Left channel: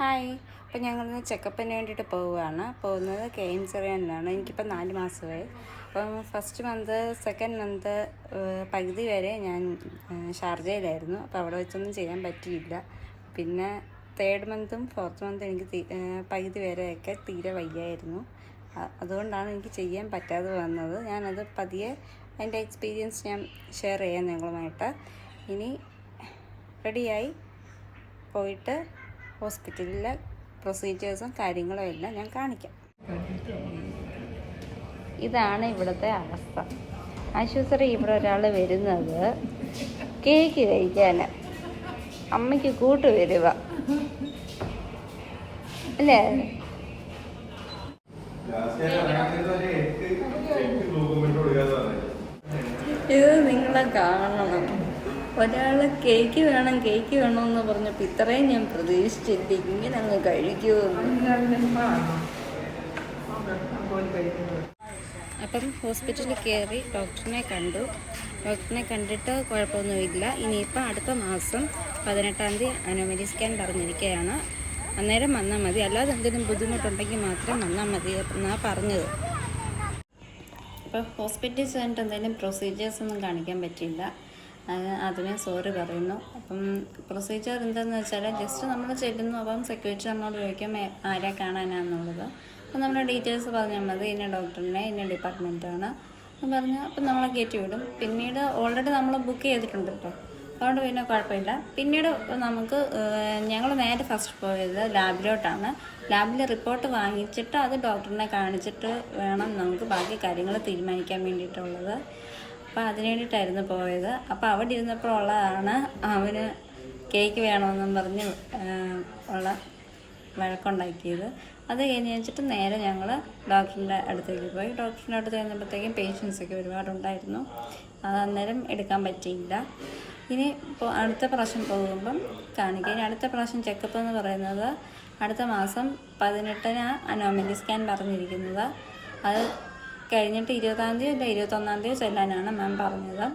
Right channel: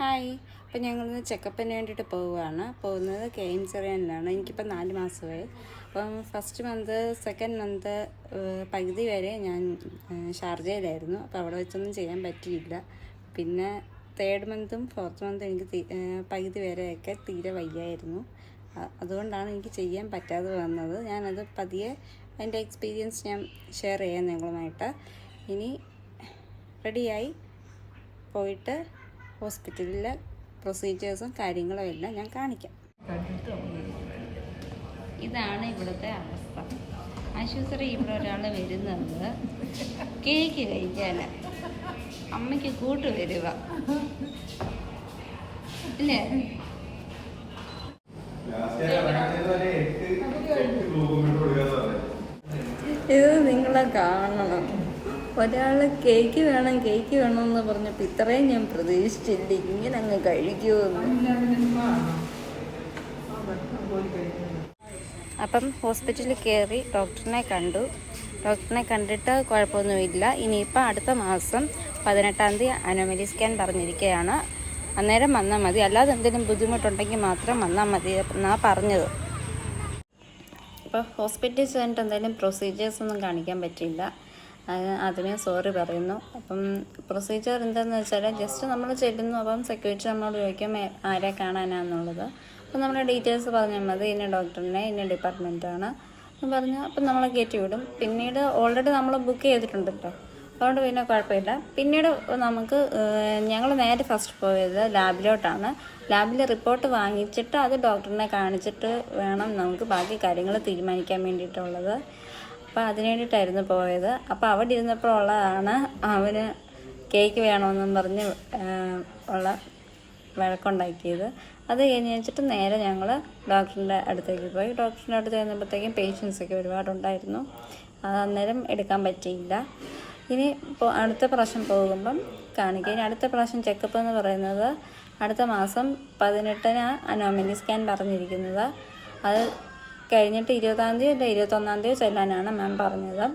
Hi. അപ്പോൾ ഞങ്ങളിന്ന് ചെക്കപ്പിന് വേണ്ടിയിട്ട് പോകുന്നത് KMCറിയാനിലാണ്. എനിക്കിപ്പോൾ 4 മാസമായി. അപ്പം ഫസ്റ്റ് മന്ത് സെക്കൻഡ് മന്ത് പകുതി വരെ ഞാൻ ഷാർജയിലായിരുന്നു. അപ്പോൾ അവിടെ വെച്ചൊന്നും ചെയ്യാൻ പറ്റിയില്ല. പിന്നെ തേർഡ് മന്തും ഫോർത്ത് മന്തും എനിക്ക് പകുതി വരെയൊക്കെ തീരെ വയ്യായിരുന്നു. അതുകൊണ്ടാണ് എനിക്ക് ചെയ്യാൻ പറ്റാതെ വന്നത്. ഞാനത് പതിയെ എൻ്റെ എക്സ്പീരിയൻസ് ഞാൻ ഷെയർ ചെയ്യാം നിങ്ങളുമായിട്ട്. ഇനി റെഡിയായി പോയിട്ട് ഹോസ്പിറ്റലിലെ പ്രൊസീജിയേഴ്സും കാര്യങ്ങളും എല്ലാം ഞാൻ കാണിക്കാം. ഇതാണ് ഇവിടുത്തെ അവസ്ഥ. ആശുപത്രി ഇവിടെ ഒരാൾ വരുന്നത് കേക്ക് കഴിക്കാൻ, അമ്മയ്ക്ക് കൂട്ട് വരുക അല്ലേ? ഇത് നിങ്ങളെ കാണണം. ഒരാൾ കേക്ക് വേണമെന്ന് പറഞ്ഞപ്പോൾ ഇത്രയും ഞാൻ പ്രതീക്ഷിച്ചില്ല ഇങ്ങനെ അങ്ങ് കഴിക്കുമെന്ന്. അപ്പം ഹോസ്പിറ്റലിൽ കയറി ഡോക്ടറിനെ കണ്ടിട്ട് കുഴപ്പമൊന്നുമില്ല. ഇനിയിപ്പോൾ അടുത്ത മാസം 18-ാം തീയതി അനോമലി സ്കാൻ പറഞ്ഞിരിക്കുകയാണ്. അന്നേരം വന്നാൽ മതി, അല്ലാതെ എന്തെങ്കിലും ബുദ്ധിമുട്ടുണ്ടെങ്കിൽ മാത്രം വന്നാൽ മതി എന്നാണ് പറഞ്ഞത്. അപ്പോൾ ഹോസ്പിറ്റലിൽ ചെന്നിട്ട് എന്തെങ്കിലും പ്രൊസീജിയേഴ്സൊന്നും കാണിക്കാൻ പറ്റിയില്ല. അതിന് സോറി പറയുന്നു. അപ്പം പ്രൊസീജിയർ എന്താണെന്ന് വെച്ചാൽ ജസ്റ്റ് നമ്മൾ ചെല്ലുന്നു. അപ്പം സെക്യൂരിറ്റി നമ്മളോട് ചോദിക്കും ആരെ കാണാനാണെന്നുള്ളത്. അപ്പം നമ്മുടെ ഡീറ്റെയിൽസ് പറഞ്ഞാൽ മതി, ഇന്ന ഡോക്ടറിനെ ഇന്ന ഡിപ്പാർട്ട്മെൻറ്റാണ് എന്ന് പറഞ്ഞാൽ അപ്പം നമ്മളെ കയറ്റി വിടും. പിന്നീട് ഓൾറെഡി നമ്മൾ ബുക്ക് ചെയ്തിട്ടുണ്ടല്ലോ, അതുകൊണ്ട് പിന്നെ കുഴപ്പമില്ല. പിന്നീട് ഞങ്ങൾ നേരെ ഫസ്റ്റ് പോയത് ലാബിലോട്ടാണ്. ലാബിൽ റിപ്പോർട്ട് വാങ്ങിച്ചിട്ട് അത് ഡോക്ടറിനെ കാണിച്ചിട്ട് വേണം നമുക്ക് ബാക്കി കാര്യങ്ങൾ തീരുമാനിക്കാൻ വേണ്ടിയിട്ടുള്ളത്. അപ്പോൾ അതിന് വേണ്ടിയിട്ടായിരുന്നു പോയത്. അപ്പോൾ അവിടെ ഇരുന്നപ്പോൾ ഉള്ളതാണ് അവന് കേക്ക് വേണമെന്നും പറഞ്ഞ് ഉള്ള വഴക്കുണ്ടാക്കിയത്. അത് കഴിഞ്ഞ് വെച്ചിട്ട് നേരെ ഞങ്ങൾ ഡോക്ടറിൻ്റെ അടുത്തേക്ക് പോയി. ഡോക്ടറിൻ്റെ അടുത്ത് ചെന്നപ്പോഴത്തേക്കും പേഷ്യൻസൊക്കെ ഒരുപാടുണ്ടായിരുന്നു. അത് അന്നേരം എടുക്കാൻ പറ്റിയില്ല. ഇനി അടുത്ത പ്രാവശ്യം പോകുമ്പം കാണിക്കുക. ഇനി അടുത്ത പ്രാവശ്യം ചെക്കപ്പ് എന്ന് പറയുന്നത് അടുത്ത മാസം 18-ന് അനോമലി സ്കാൻ പറഞ്ഞിരിക്കുന്നത്. അത് കഴിഞ്ഞിട്ട് 20-ാം തീയതി അല്ല 21-ാം തീയതി ചെല്ലാനാണ് മാം പറഞ്ഞത്.